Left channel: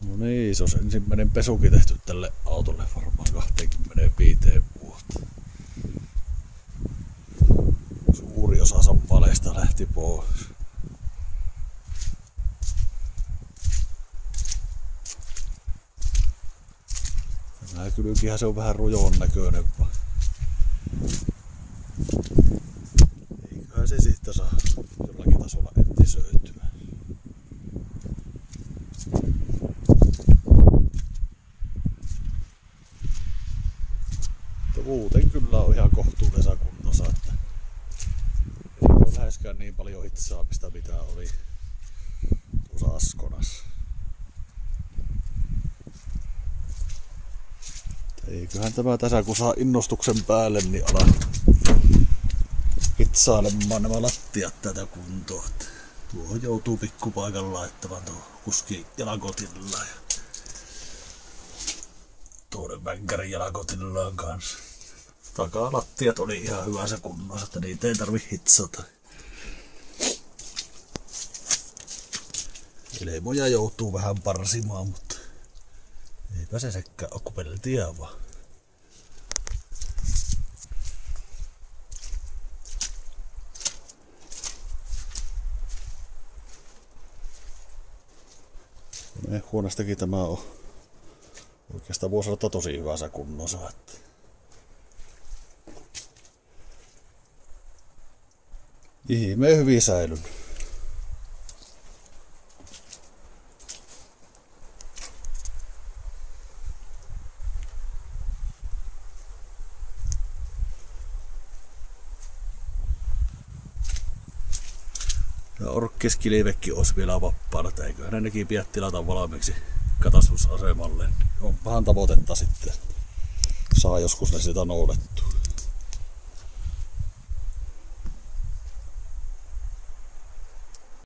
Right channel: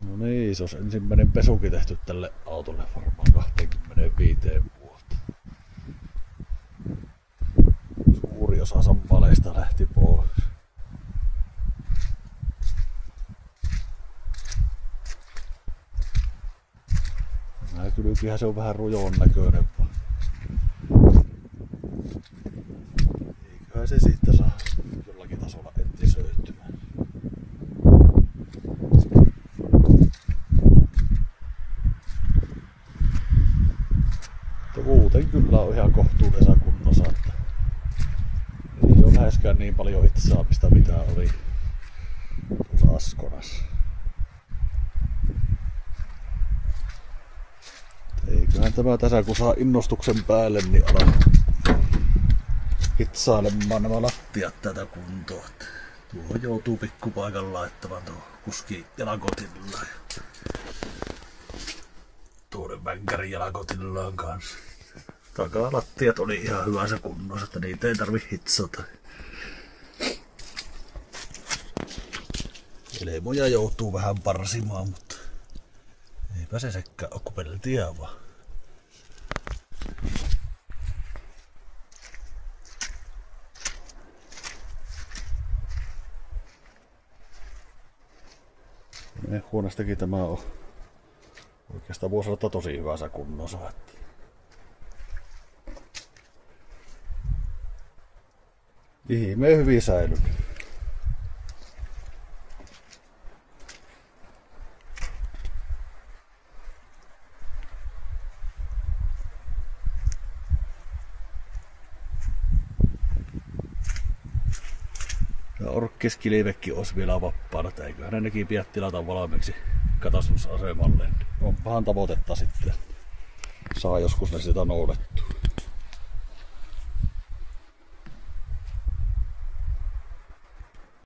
No niin, se on ensimmäinen pesukin tehty tälle autolle varmaan 25 vuotta. Suuri osa sampaleista lähti pois. Tämä kylkihän se on vähän rujon näköinen vaan. Eiköhän se siitä saa jollakin tasolla entisöityä. Muuten kyllä on ihan kohtuullisessa kunnossa, että ei ole läheskään niin paljon hitsaamista mitä oli tuossa Askonassa. Eiköhän tämä tässä kun saa innostuksen päälle, niin ala hitsailemaan nämä lattiat tätä kuntoa. Tuohon joutuu pikkupaikan laittamaan tuohon kuski jalakotillaan ja tuoden vänkärin jalakotillaan kanssa. Takalattiat oli ihan hyvässä kunnossa, että niitä ei tarvi hitsata. Elemoja joutuu vähän parsimaan, mutta eipä se sekään ole kuin peltiä vaan. Huoneestakin tämä on oikeastaan voisi olla tosi hyvässä kunnossa. Ihmeen hyvin säilynyt. Ja orkkiskilivekki olisi vielä vapaana, että eiköhän ne nekin pian tilata valmiiksi katastusasemalle. Onpahan tavoitetta sitten. Saa joskus ne sitä noudattua.